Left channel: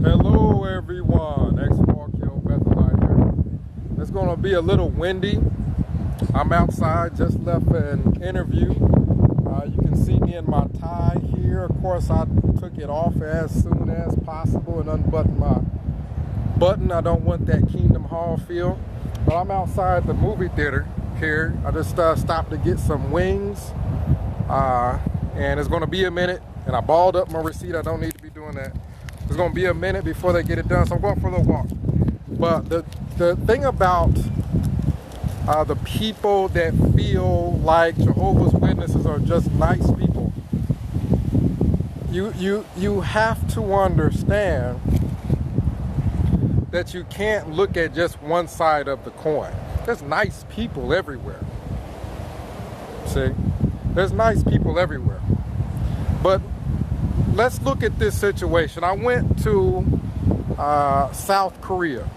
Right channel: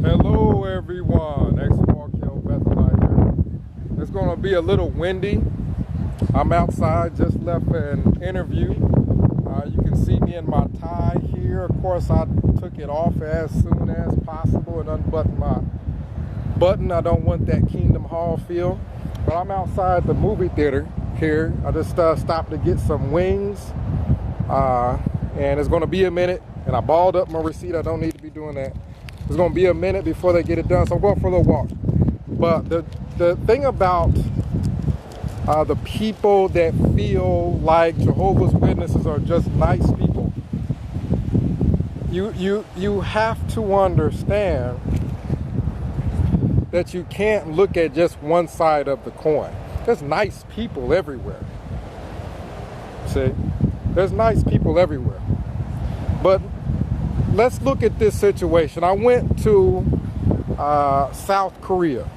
Hello everyone, X-Walk Hill Bethelite here. It's going to be a little windy. I'm outside, just left an interview. You can see me in my tie here. Of course, I took it off as soon as possible and unbuttoned my button. I don't want that Kingdom Hall feel. But I'm outside the movie theater here. I just stopped to get some wings. And it's going to be a minute. And I balled up my receipt. I don't need to be doing that. It's going to be a minute before they get it done, so I'm going for a little walk. But the thing about the people that feel like Jehovah's Witnesses are just nice people, you have to understand that you can't look at just one side of the coin. There's nice people everywhere. See? There's nice people everywhere. But let's look at this situation. I went to South Korea.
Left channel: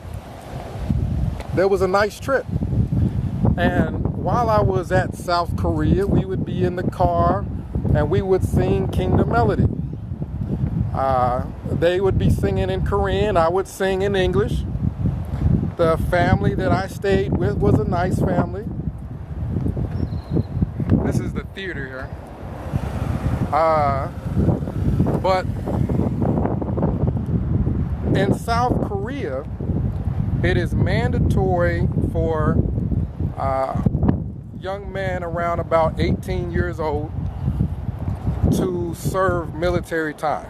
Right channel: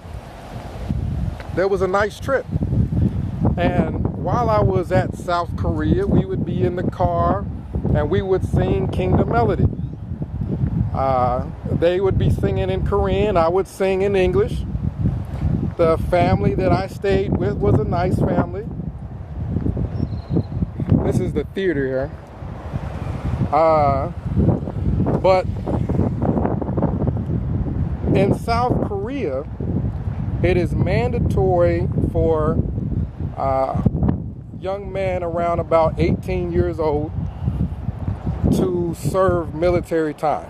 There was a nice trip. And while I was at South Korea, we would be in the car and we would sing Kingdom Melody. They would be singing in Korean. I would sing in English. The family that I stayed with was a nice family. This is the theater here. But in South Korea, it is mandatory for young men around about 18 years old to serve military time.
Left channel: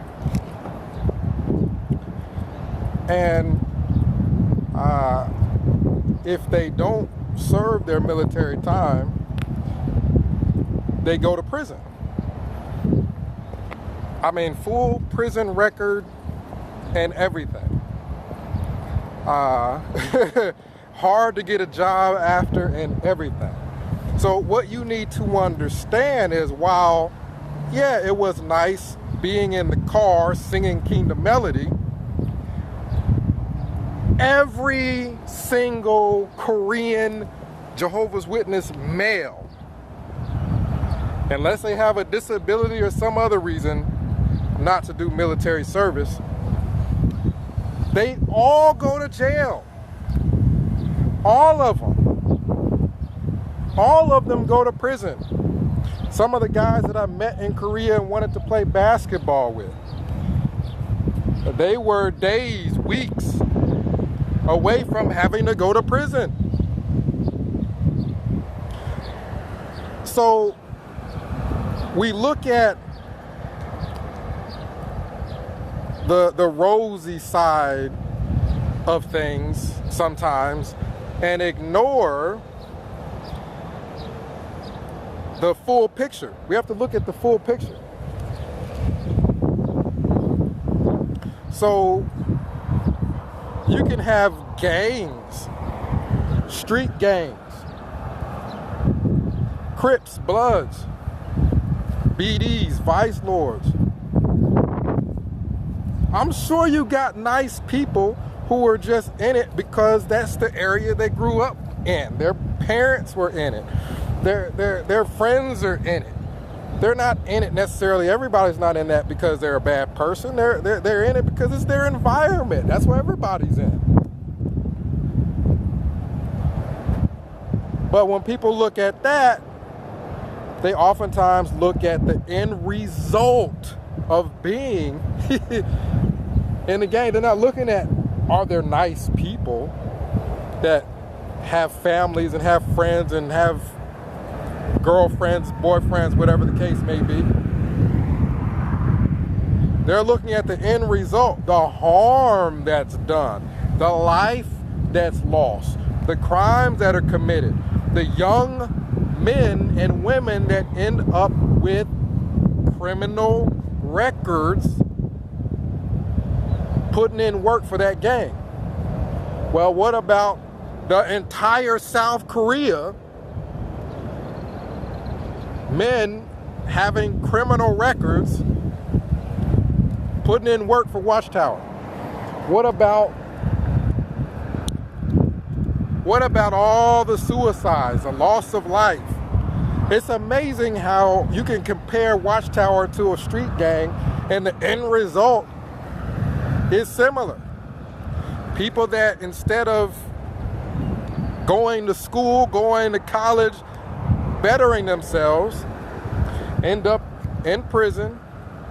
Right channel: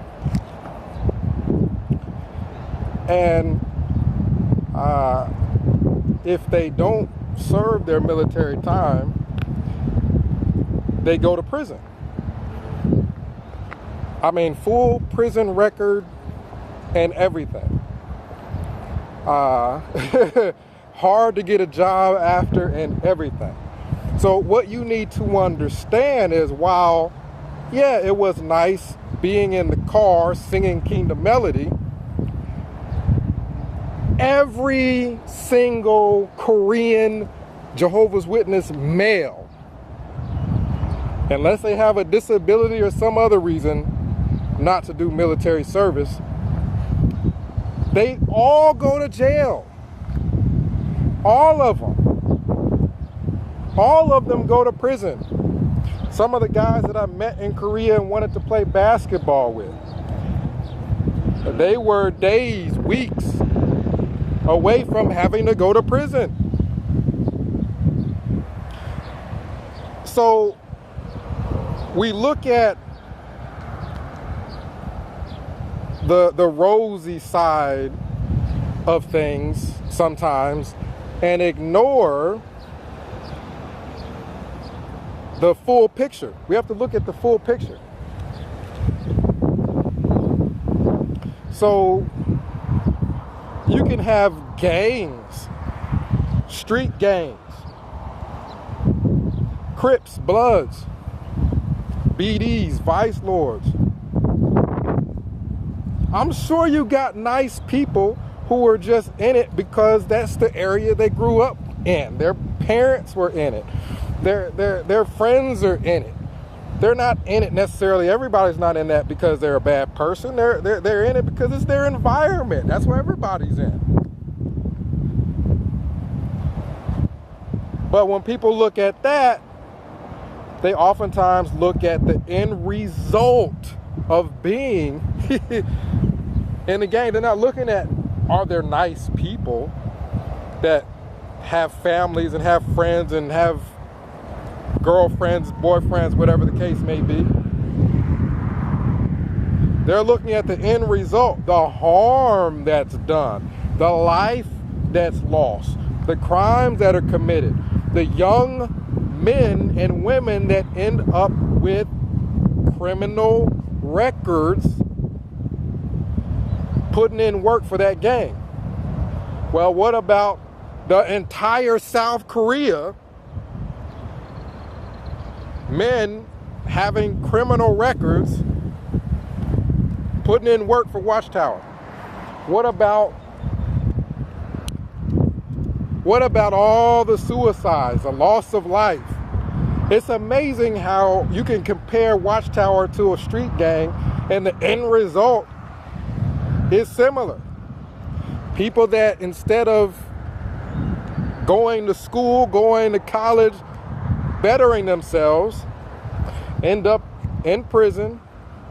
And if they don't serve their military time, they go to prison. I mean, full prison record and everything. Hard to get a job after and everything. So what you need to understand is, while, yeah, it was nice being in the car singing Kingdom Melody, every single Korean Jehovah's Witness male, unless they have a disability or some other reason not to do military service, they all go to jail. All of them. All of them go to prison. Some of the guys that I met in Korea and wanted to play basketball with, they were days, weeks away from having to go to prison. So we look at the rosy side of things sometimes and ignore the full picture. We have to look at the full picture. So you can have gangs, street gangs, Crips, Bloods, BDs, Vice Lords. I'm sure you got nice people who are just in it because that's the area they grew up in. Their parents were in it. Their friends are in it. They're not in it necessarily. Everybody's not in that because they're a bad person. They're in it because it's their environment. That's where everybody's in. But when people look at that, they oftentimes look at the end result of being in the gang. They're not looking at, are there nice people that have families and have friends and have girlfriends, boyfriends, whatever the case may be. They're looking at the end result, the harm that's done, the life that's lost, the crimes that are committed, the young men and women that end up with criminal records putting in work for that gang. Well, what about the entire South Korea? Men having criminal records putting in work for Watchtower. What about all the suicides, the loss of life? It's amazing how you can compare Watchtower to a street gang, and the end result is similar. People that instead of going to school, going to college, bettering themselves, end up in prison,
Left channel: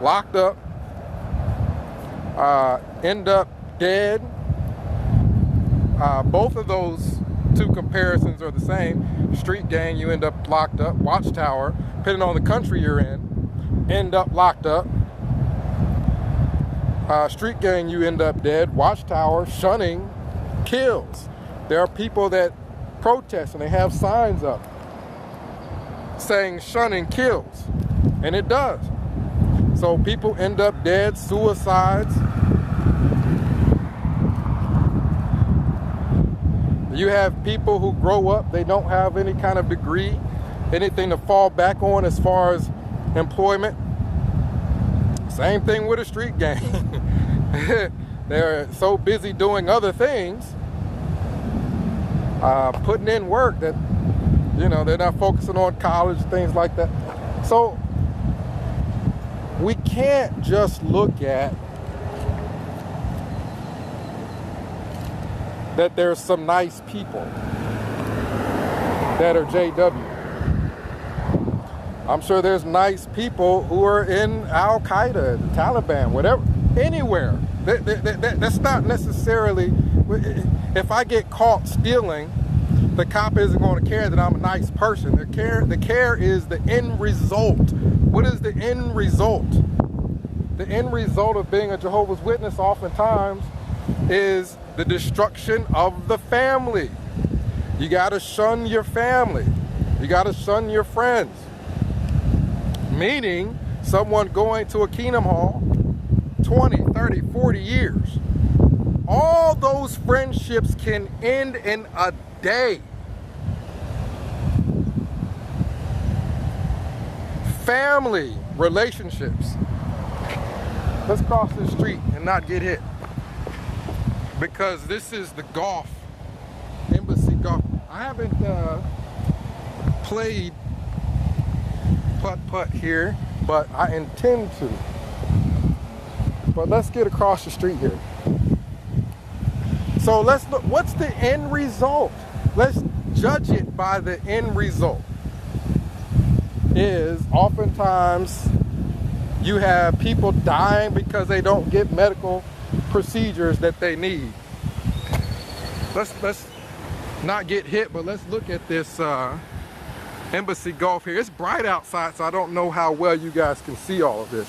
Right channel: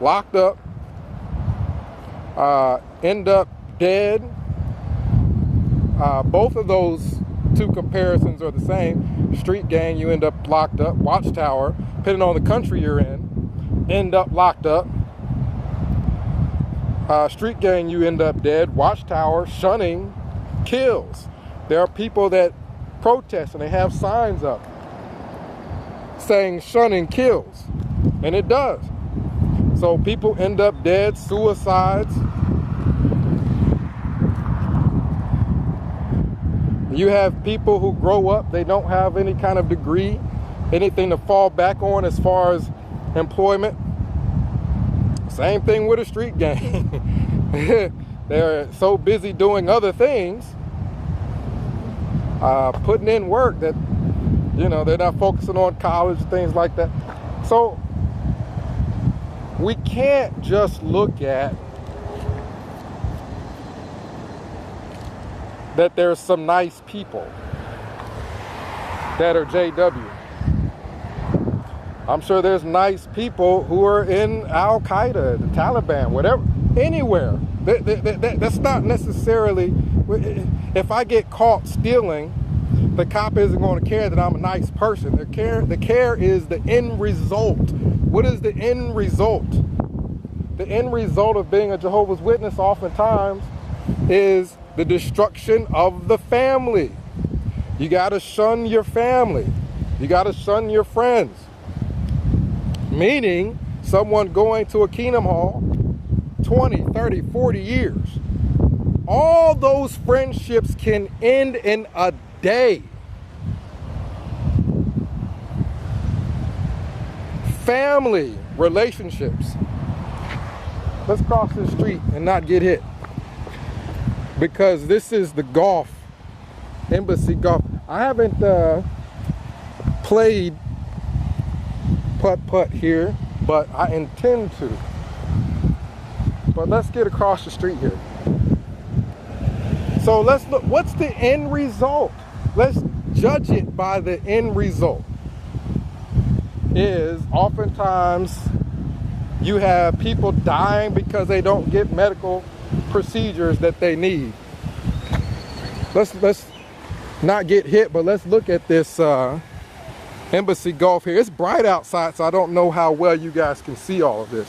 locked up, end up dead. Both of those two comparisons are the same. Street gang, you end up locked up. Watchtower, depending on the country you're in, end up locked up. Street gang, you end up dead. Watchtower, shunning, kills. There are people that protest and they have signs up saying shunning kills, and it does. So people end up dead, suicides. You have people who grow up, they don't have any kind of degree, anything to fall back on as far as employment. Same thing with a street gang. They're so busy doing other things, putting in work, that, you know, they're not focusing on college, things like that. So we can't just look at that there's some nice people that are JW. I'm sure there's nice people who are in Al Qaeda, the Taliban, whatever, anywhere. That's not necessarily, if I get caught stealing, the cop isn't going to care that I'm a nice person. The care is the end result. What is the end result? The end result of being a Jehovah's Witness oftentimes is the destruction of the family. You got to shun your family. You got to shun your friends. Meaning, someone going to a Kingdom Hall 20, 30, 40 years. All those friendships can end in a day. Family relationships. Let's cross this street and not get hit. Because this is the golf, embassy golf. I haven't played putt-putt here, but I intend to. But let's get across the street here. So let's look, what's the end result? Let's judge it by the end result. Is oftentimes you have people dying because they don't get medical procedures that they need. Let's not get hit, but let's look at this embassy golf here. It's bright outside, so I don't know how well you guys can see all of this.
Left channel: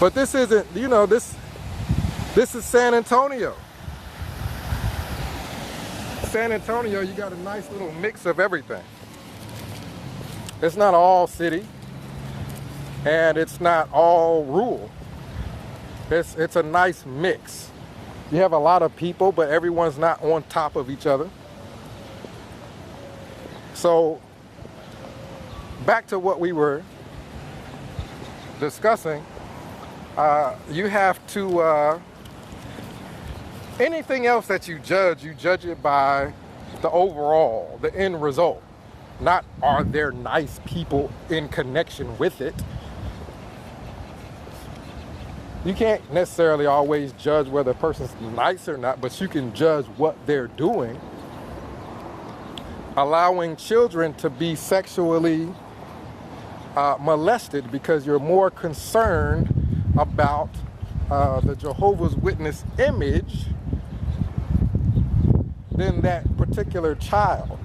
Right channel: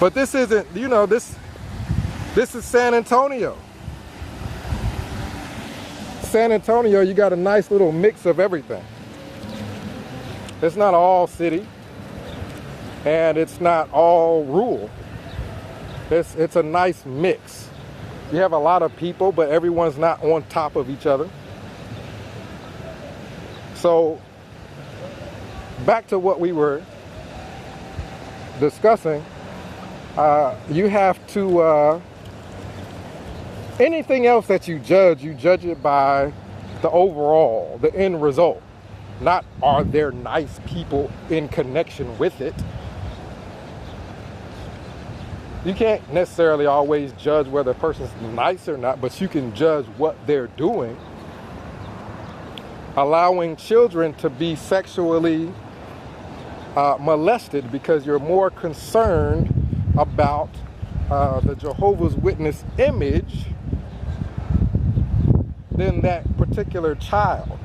But this isn't, you know, this is San Antonio. San Antonio, you got a nice little mix of everything. It's not all city, and it's not all rural. It's a nice mix. You have a lot of people, but everyone's not on top of each other. So, back to what we were discussing, you have to, anything else that you judge it by the overall, the end result. Not are there nice people in connection with it. You can't necessarily always judge whether a person's nice or not, but you can judge what they're doing. Allowing children to be sexually molested because you're more concerned about the Jehovah's Witness image than that particular child.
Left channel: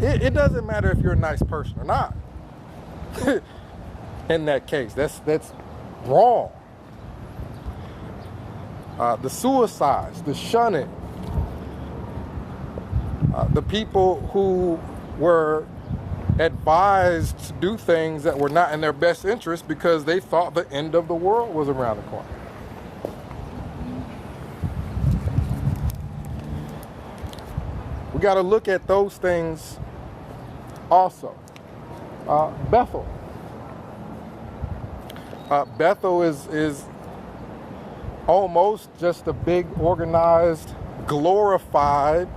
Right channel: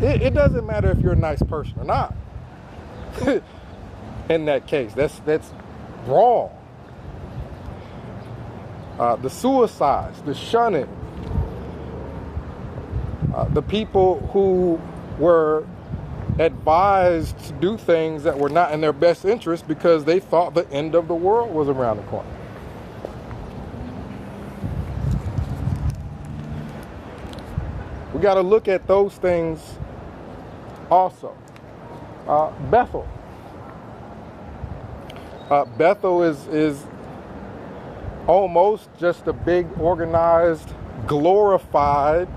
It doesn't matter if you're a nice person or not. In that case, that's wrong. The suicides, the shunning, the people who were advised to do things that were not in their best interest because they thought the end of the world was around the corner. We got to look at those things also. Bethel. Bethel is almost just a big, organized, glorified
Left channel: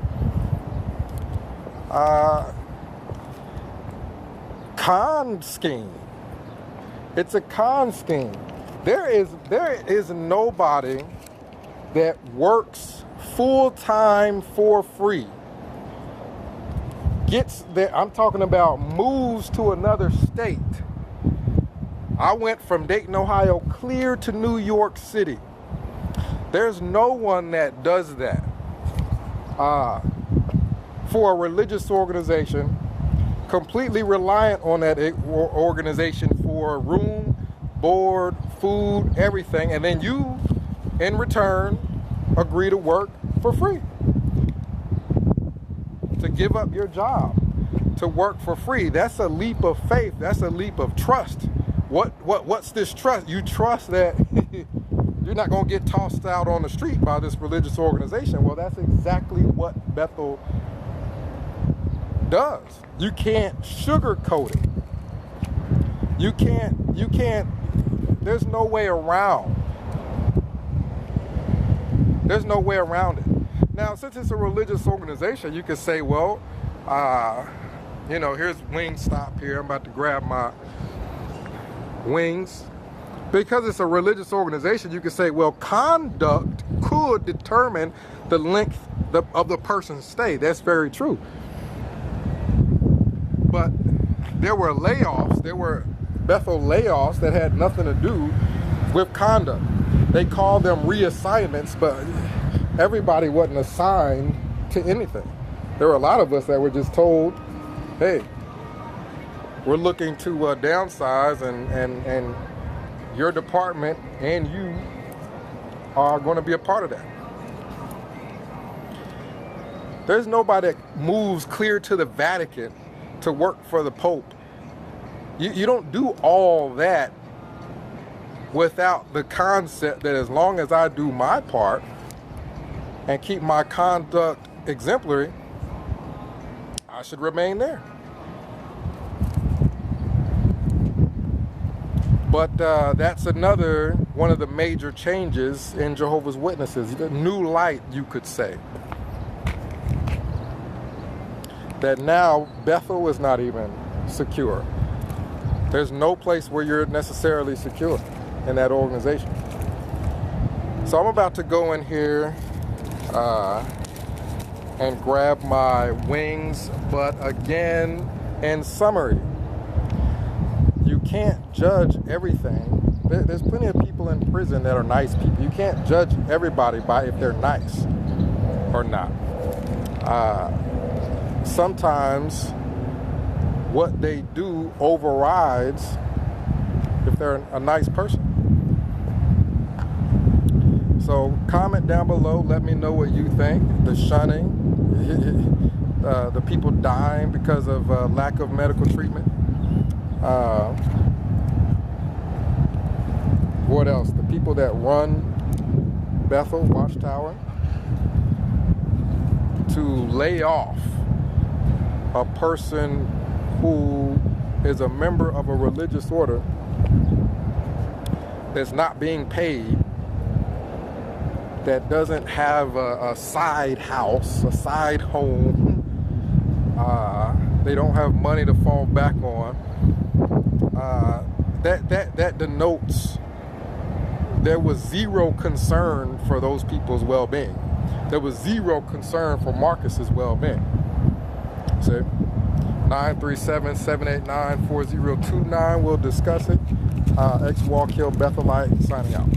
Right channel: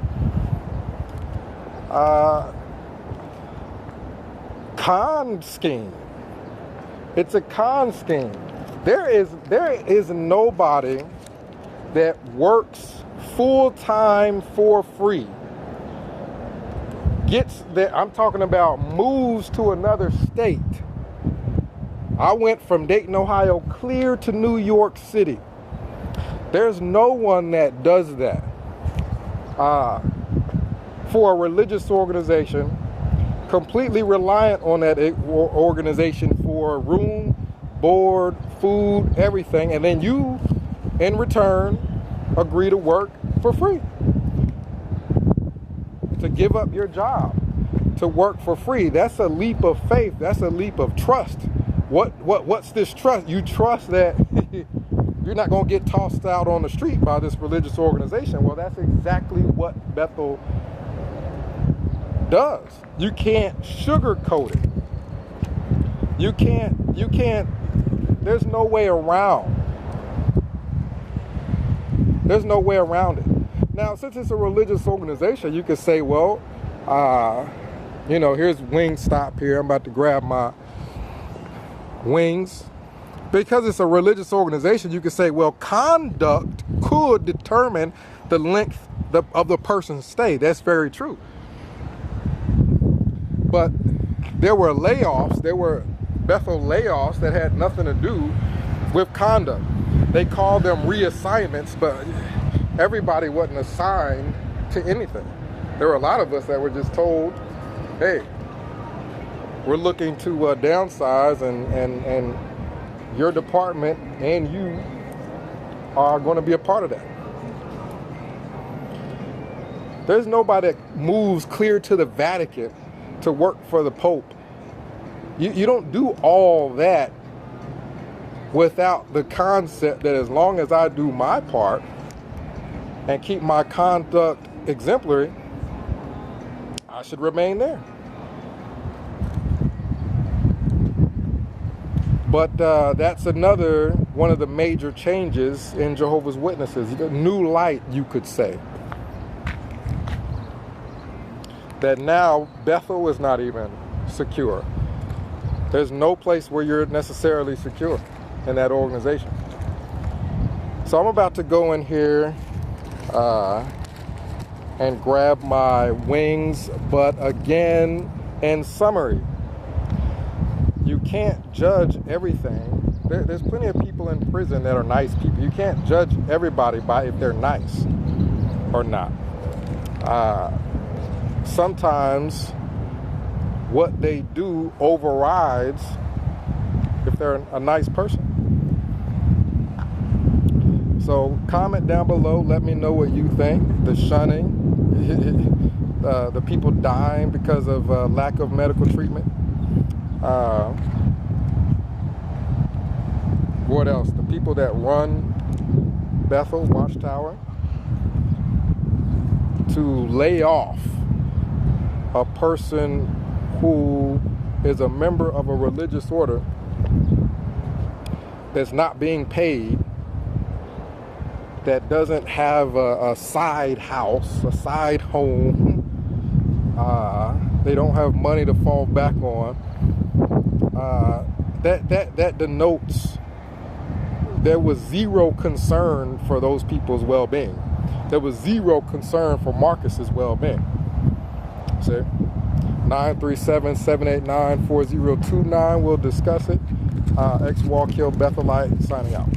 con scheme. It's a con scheme. There is nobody that works full time for free, gets there. I'm talking about moves to another state. I went from Dayton, Ohio, clear to New York City. There's no one that does that for a religious organization, completely reliant on that organization for room, board, food, everything, and then you, in return, agree to work for free. To give up your job to work for free. That's a leap of faith. That's a leap of trust. What's this trust? You trust that you're not going to get tossed out on the street by this religious organization. Well, that's exactly what Bethel does. You can't sugarcoat it. You can't, there's no way around. There's no way around it. Now, since it's a religious organization, you could say, well, here's Wingstop here. I'm about to grab my wings. Because it's a religious organization, you could say, well, conduct could determine the length of the person's stay. That's very true. But there were layoffs. There were Bethel layoffs that had nothing to do with conduct. They called them reassignments, but everybody wasn't assigned to anything. There were a lot of us that were just told, hey, we're looking to downsize and your department and you are going to be a part of that. There's nobody that moves clear to the Vatican to work for the Pope. You don't do all that without the concept that as long as I do my part and keep my conduct exemplary, I should remain there. But that's another one of the major changes in Jehovah's Witnesses. New light, you could say. That now Bethel is not even secure. There's no place where you're necessarily secure in that organization. So I'm about to go in here and grab my wings. But again, in summary, you can't judge everything. There's plenty of people in prison that are nice people. You can't judge everybody by if they're nice or not. Sometimes what they do overrides if they're a nice person. So comment down below. Let me know what you think. The shunning, the people dying because of lack of medical treatment. What else? The people that run Bethel Watchtower to lay off a person who is a member of a religious order that's not being paid, that doesn't have a side house, a side home. They don't have money to fall back on. That denotes there was zero concern for those people's well-being. There was zero concern for Marcus's well-being. See? 937-789-4029. We'll discuss it. X Walk Hill Bethelite signing out.